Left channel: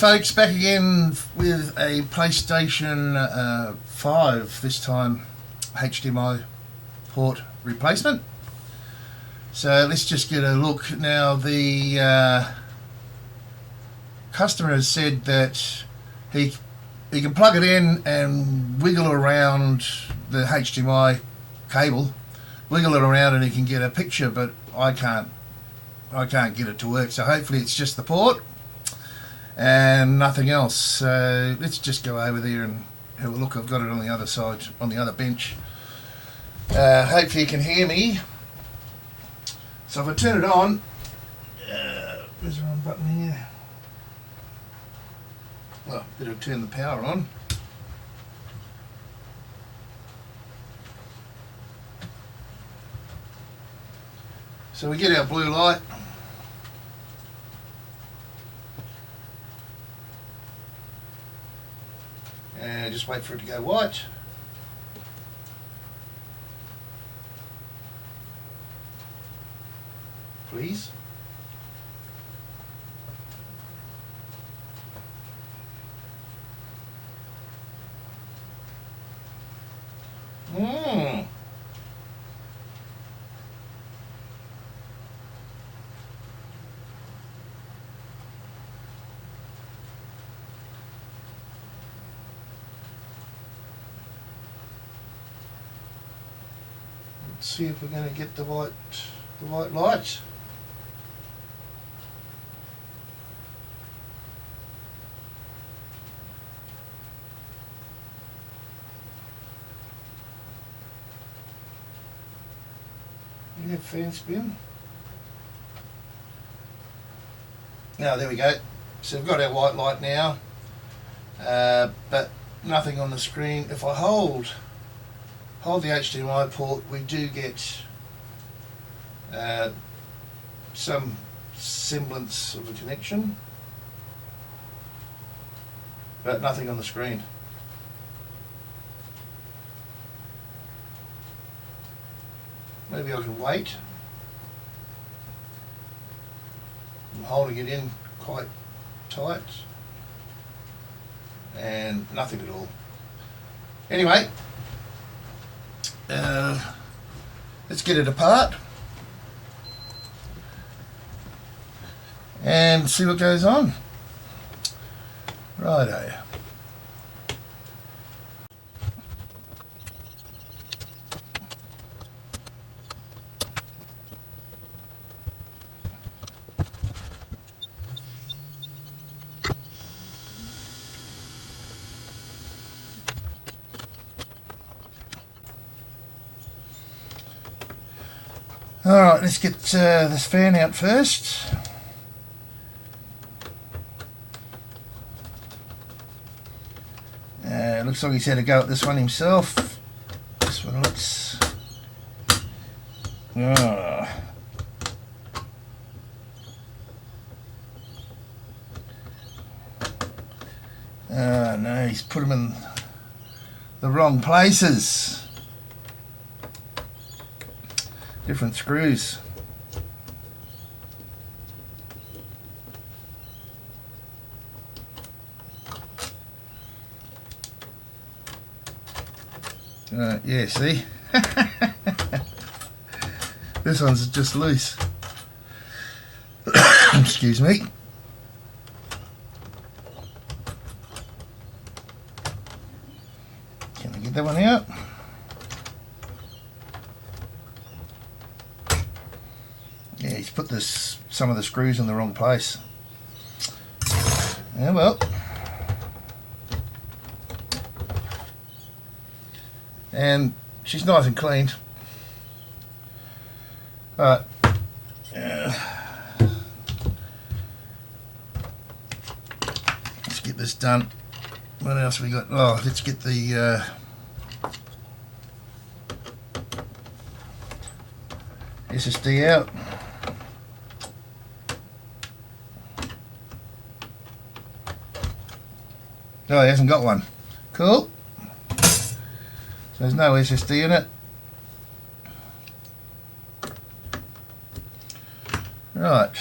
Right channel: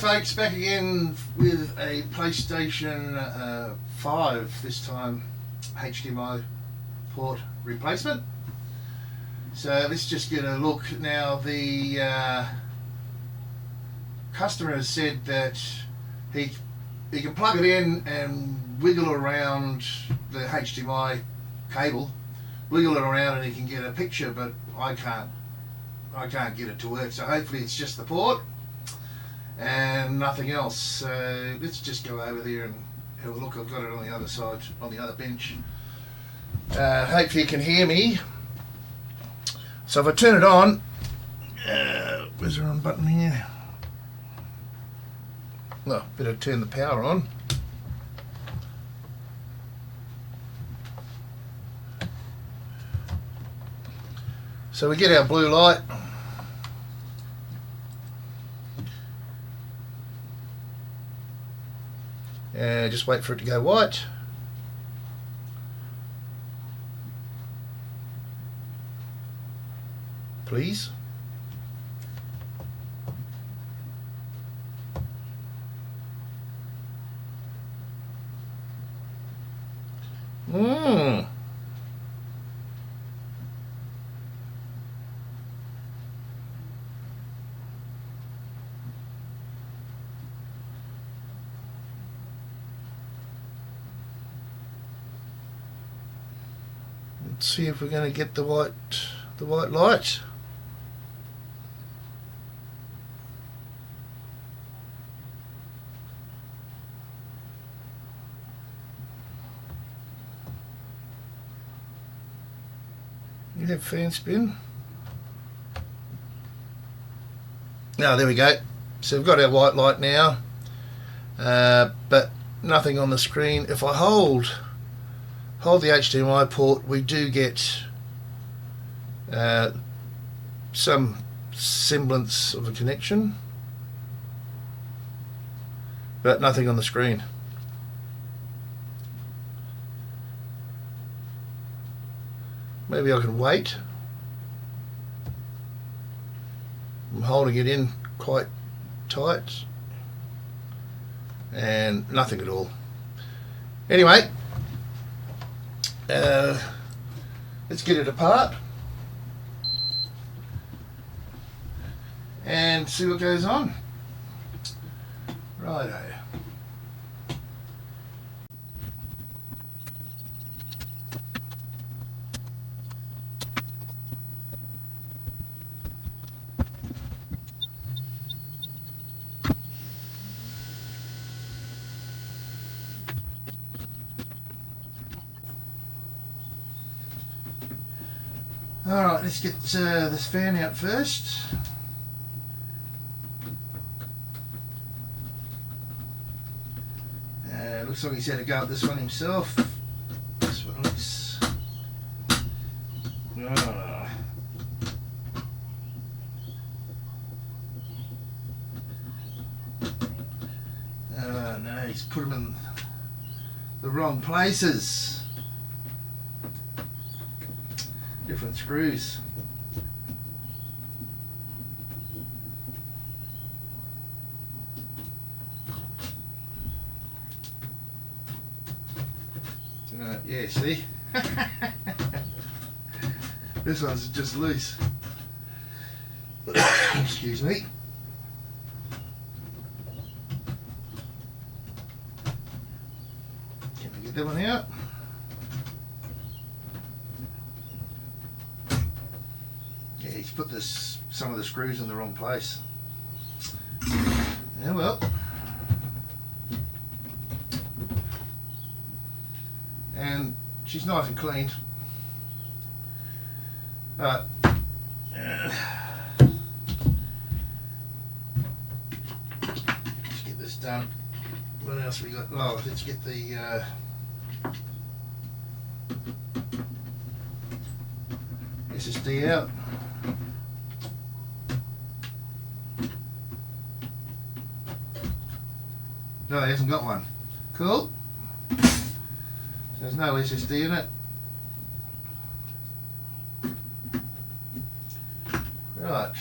folks, back again with a PlayStation 5, this time HDMI port replacement. So let's just get a look. Now the customer has said that he can plug it in and wiggle around the HDMI cable, wiggle it around, and he can get a picture, but I can't get it to work. So hopefully it's just the port and nothing else. So let's just go over there and have a look. I've got it on the other side, on the other bench. Hopefully you can hear me. So if I turn it on, where's the wrong button here? Well, better turn the power on. So we get our blue light. Just wait for it to go white. Please. Let's see if we're going to get the white light. You have fan spin. Now there we go. So we've got our white light now, but nothing on the screen. If I hold the HDMI port, we do get some semblance of a connection, but nothing on the screen. Maybe I can wait. I'm holding it in quite tight and nothing at all. Anyway, let's get it apart and see what goes on. Righto. Alright, let's get this fan out first. Looks like he's had a go at this one himself. This one looks... Oh. Oh no, he's put them in the wrong places. Different screws. Yeah, see? This one's just loose. Excuse me. Can I get that one out? Yeah, he's put some of the screws in the wrong place. Yeah, well. And she's nice and clean. Alright. Let's get this done. What else have we got? Oh, let's get the SSD out. No, he hasn't got one. Cool. So there's no SSD in it. Right.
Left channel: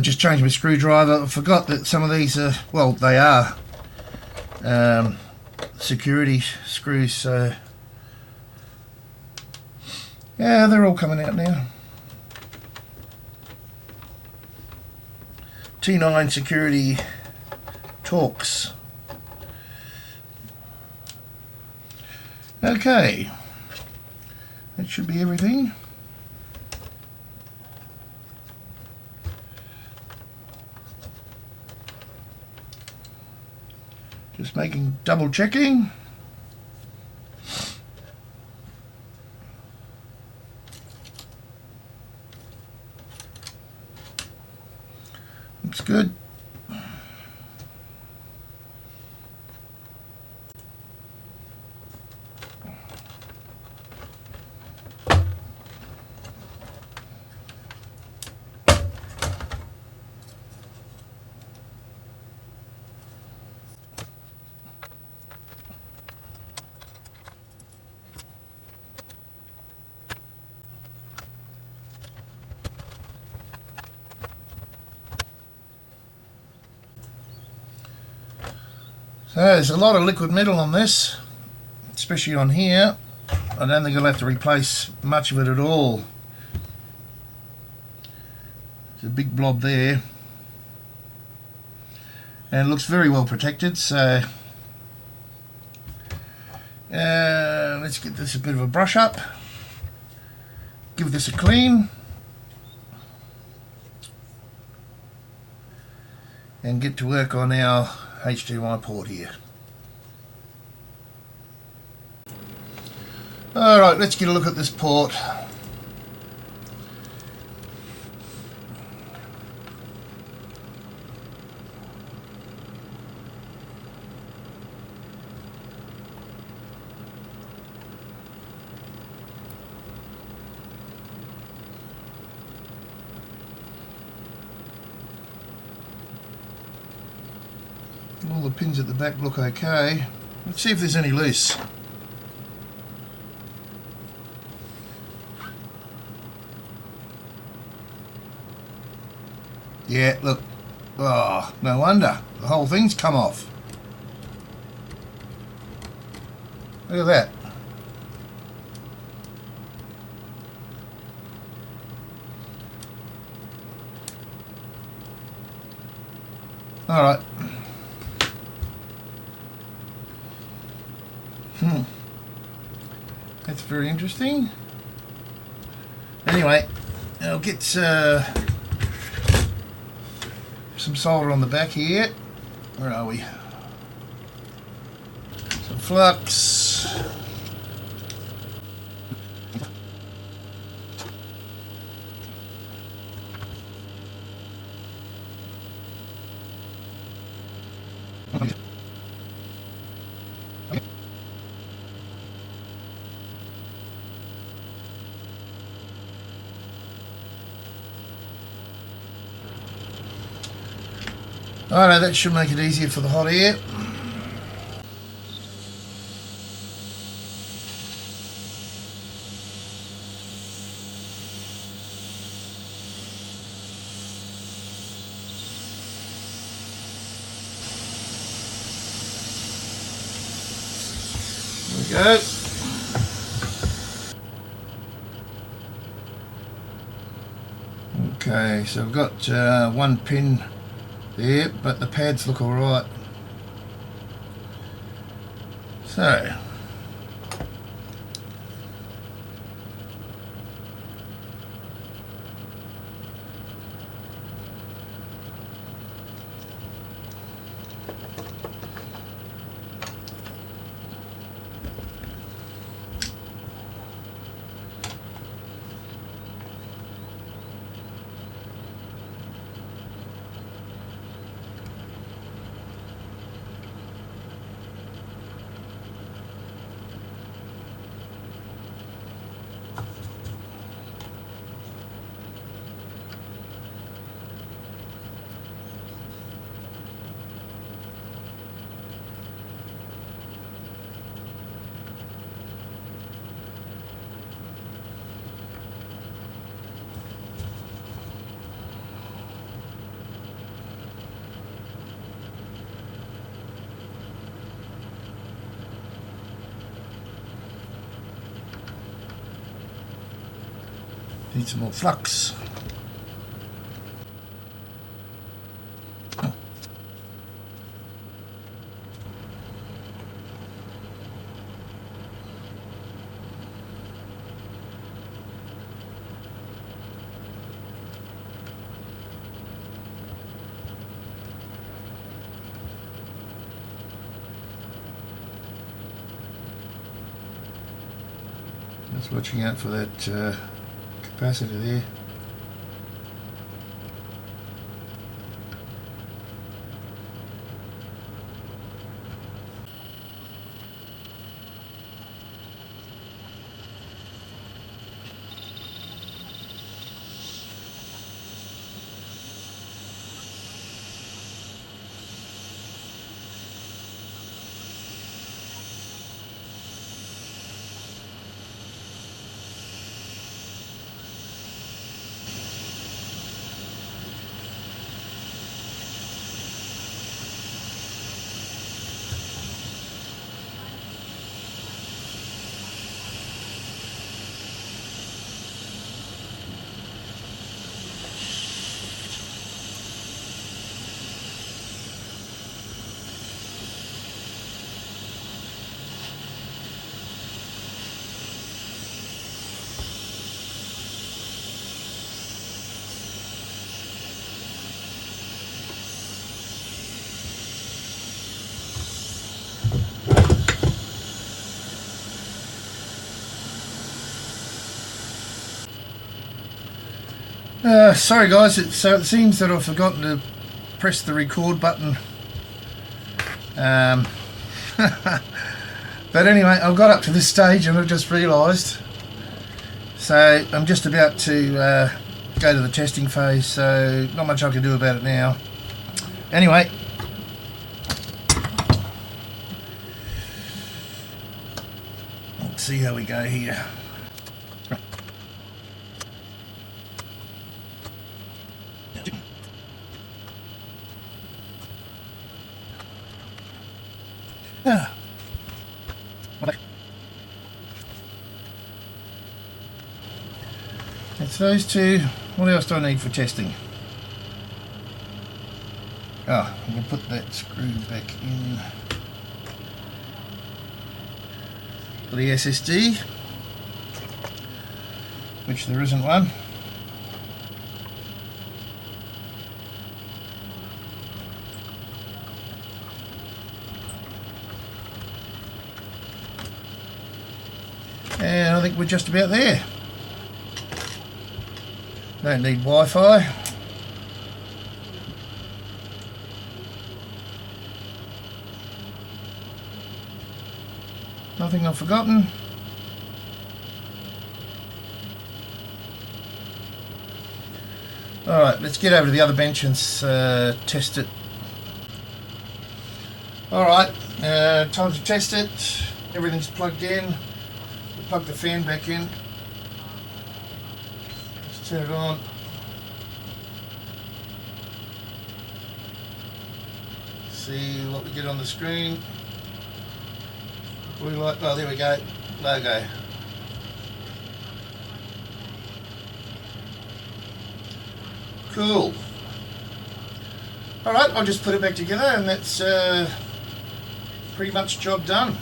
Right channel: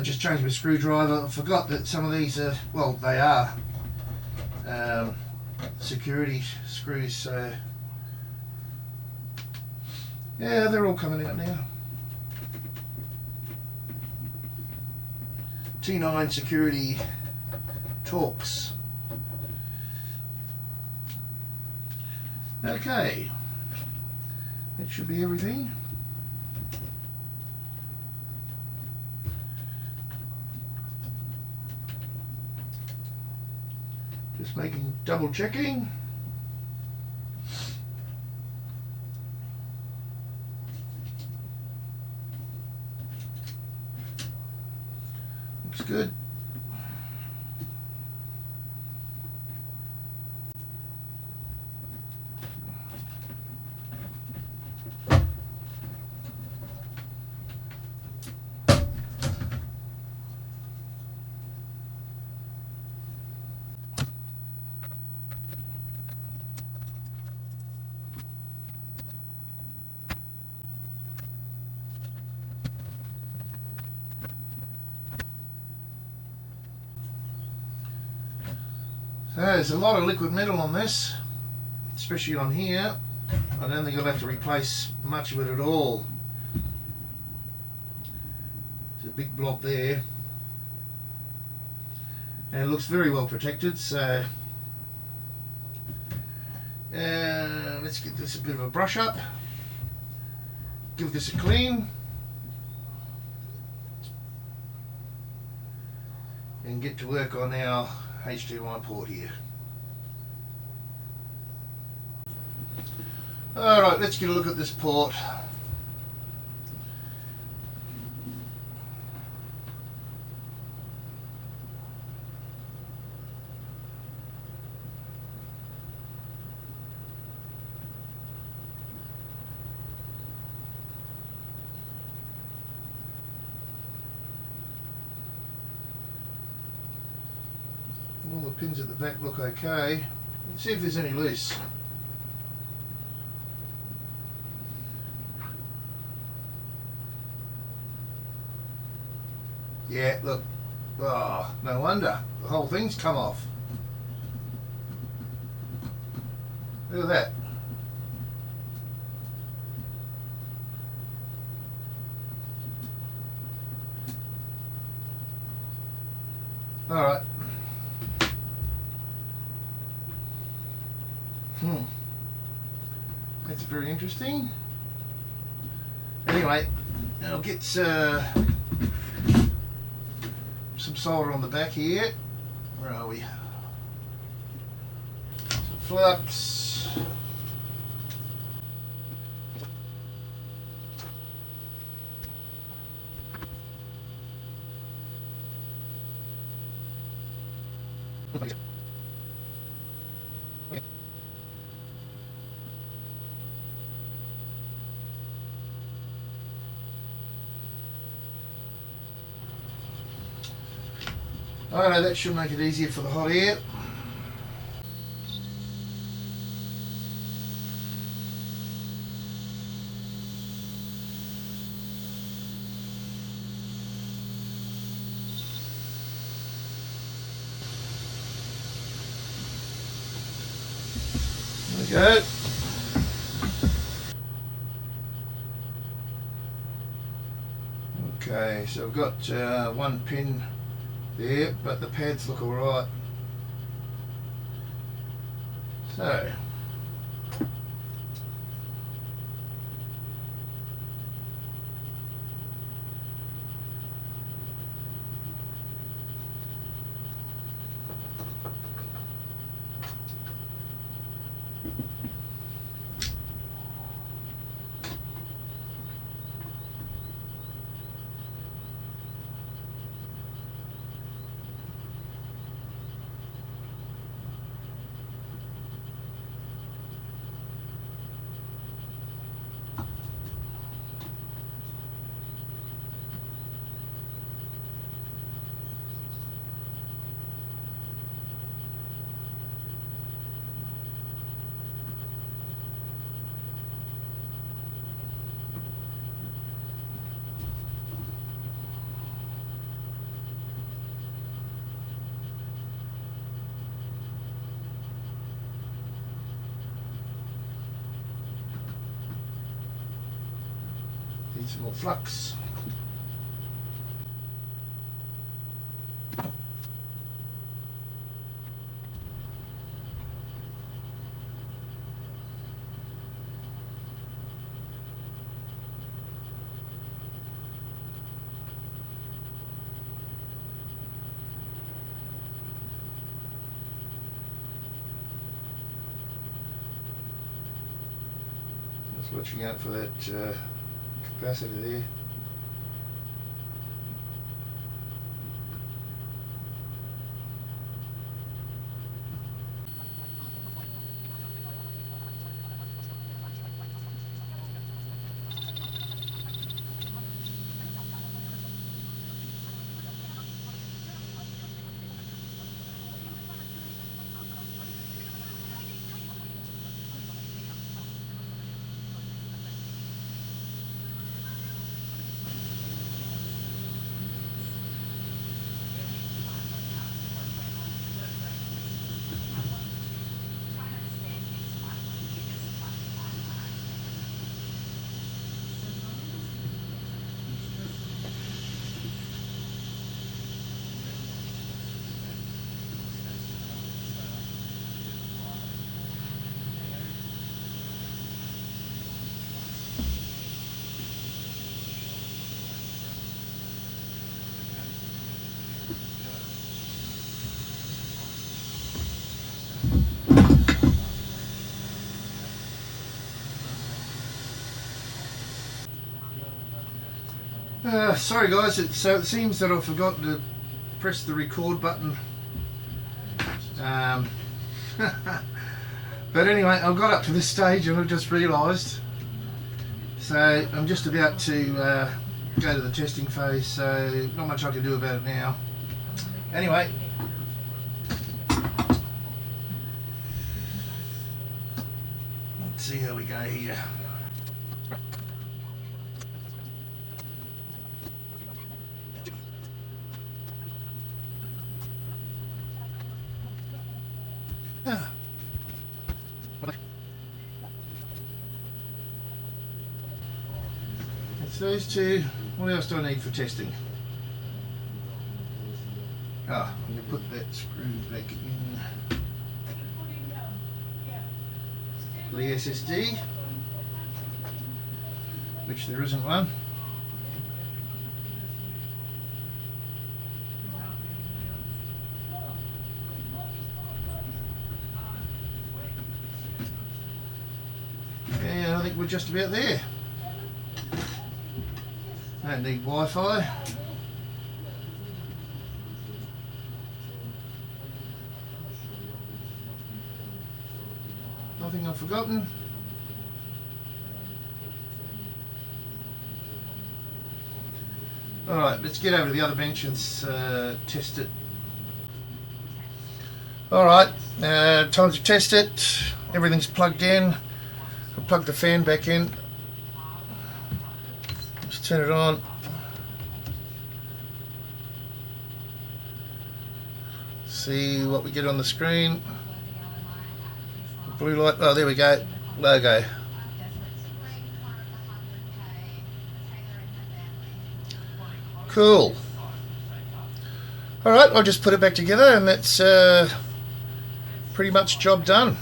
Just changed my screwdriver. I forgot that some of these are, well, they are security screws, so yeah, they're all coming out now. T9 security Torx. Okay, that should be everything. Just double checking. Looks good. So there's a lot of liquid metal on this, especially on here. I don't think I'll have to replace much of it at all. There's a big blob there, and it looks very well protected, so let's get this a bit of a brush up, give this a clean, and get to work on our HDMI port here. Alright, let's get a look at this port. All the pins at the back look okay. Let's see if there's any loose. Yeah, look. Oh, no wonder. The whole thing's come off. Look at that. Alright. That's very interesting. Anyway, I'll get some solder on the back here. Where are we? Some flux. Alright, that should make it easier for the hot air. There we go. Okay, so I've got one pin there, but the pads look alright. So, Need some more flux. Just watching out for that capacitor there. Sorry guys, it seems that I've forgotten to press the record button. But anyway, I've got up to this stage and I've just realised. So I'm just about to go to the testing phase, so not much I can do about it now. Anyway. Let's see how we go here. It's those two. What else do I need for testing? I'm going to put that screw back in for the SSD, which there isn't one. And I think we're just about there. Don't need Wi-Fi. Nothing I've forgotten. Alright, let's get over to the other bench and test it. Alright, time to test it. Everything's plugged in. We'll plug the fan back in. Just turn it on. See what we get on the screen. Blue light, oh there we go, logo. Cool. Alright, I'll just put it back together and that's pretty much job done.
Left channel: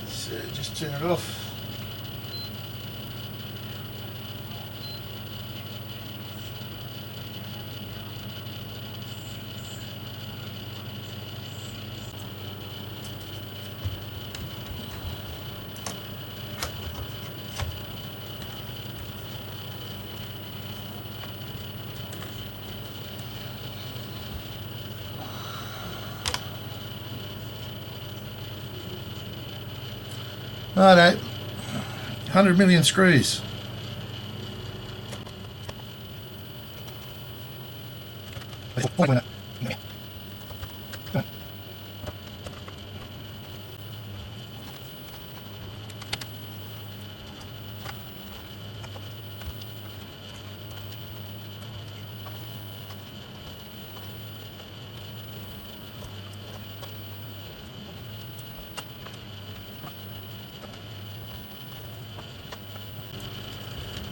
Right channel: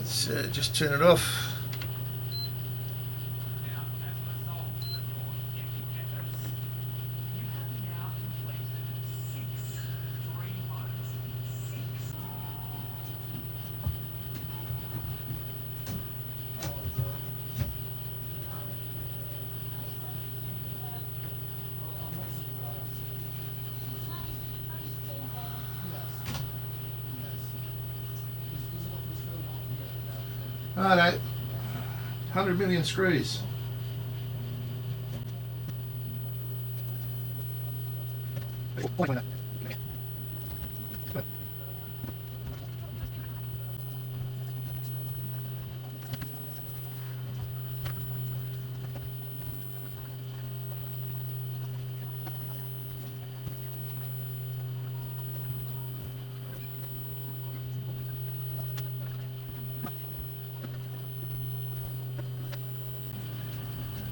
Let's just turn it off. Righto, 100 million screws.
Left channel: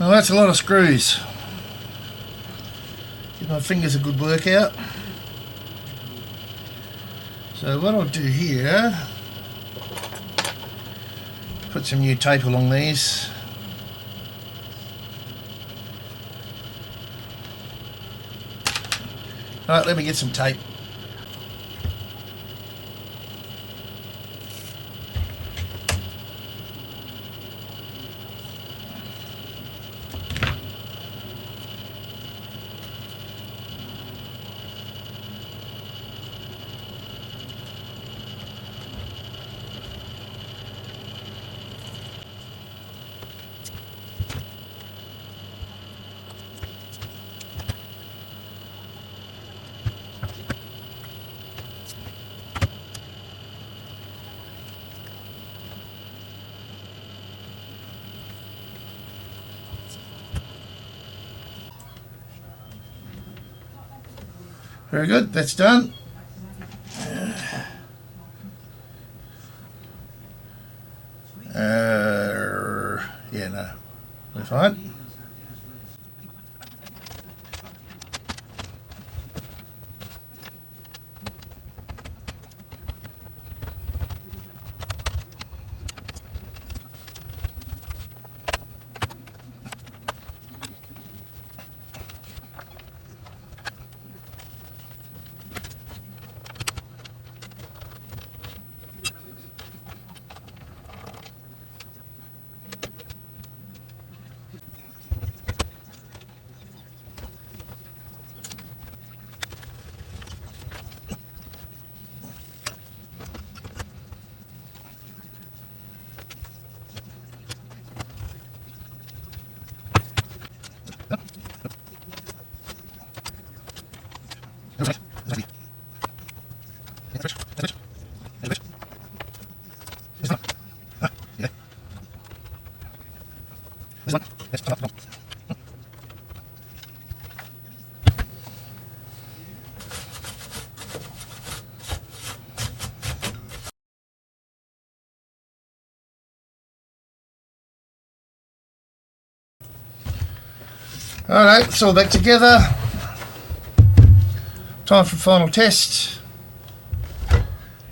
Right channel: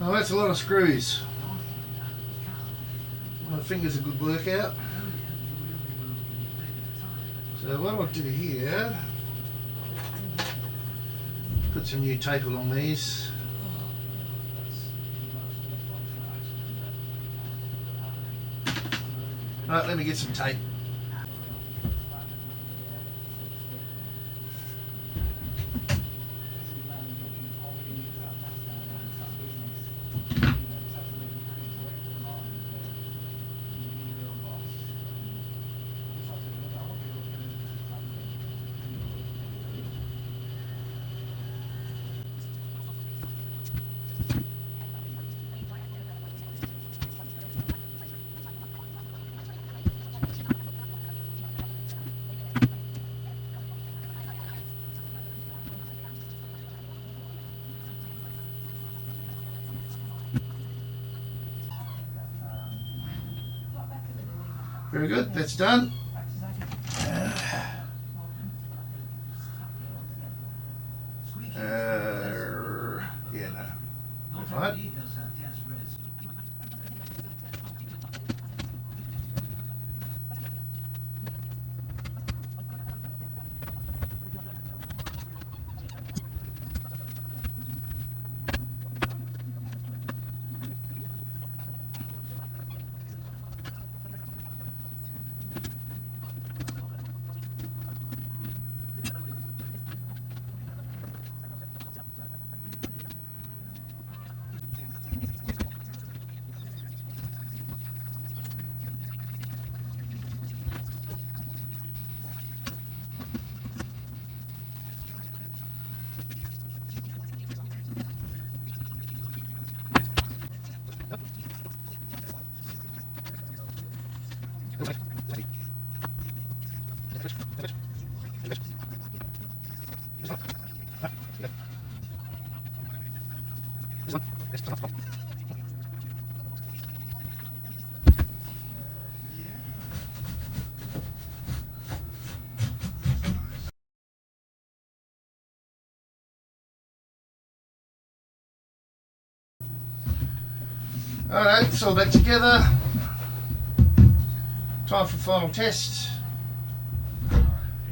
Well, that's a lot of screws. Give my fingers a good workout. So what I'll do here, put some new tape along these. Right, let me get some tape. Very good, that's done. Yeah, no, we're fine. Alright, it's all back together. Time for final test.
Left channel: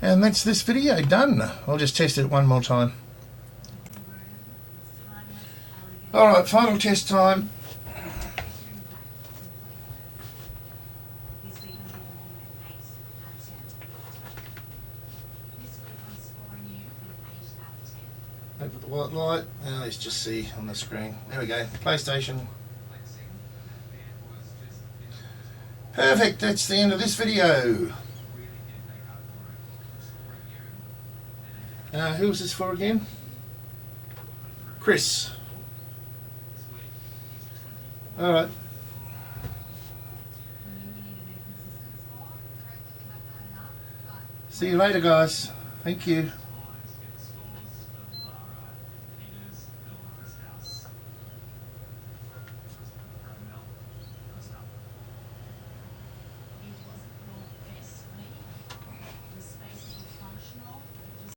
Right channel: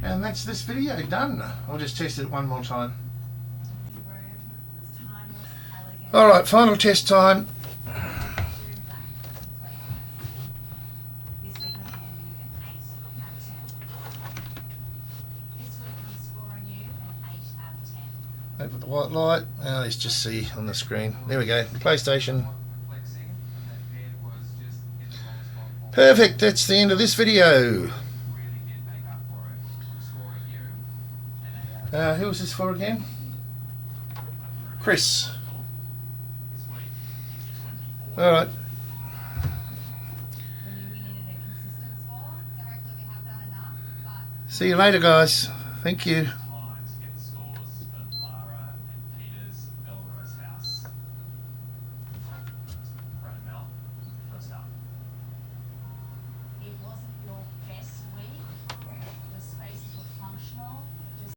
And that's this video done. I'll just test it one more time. Alright, final test time. Over the white light. Let's just see on the screen. There we go. PlayStation. Perfect, that's the end of this video. Who was this for again? Chris. Alright. See you later, guys. Thank you.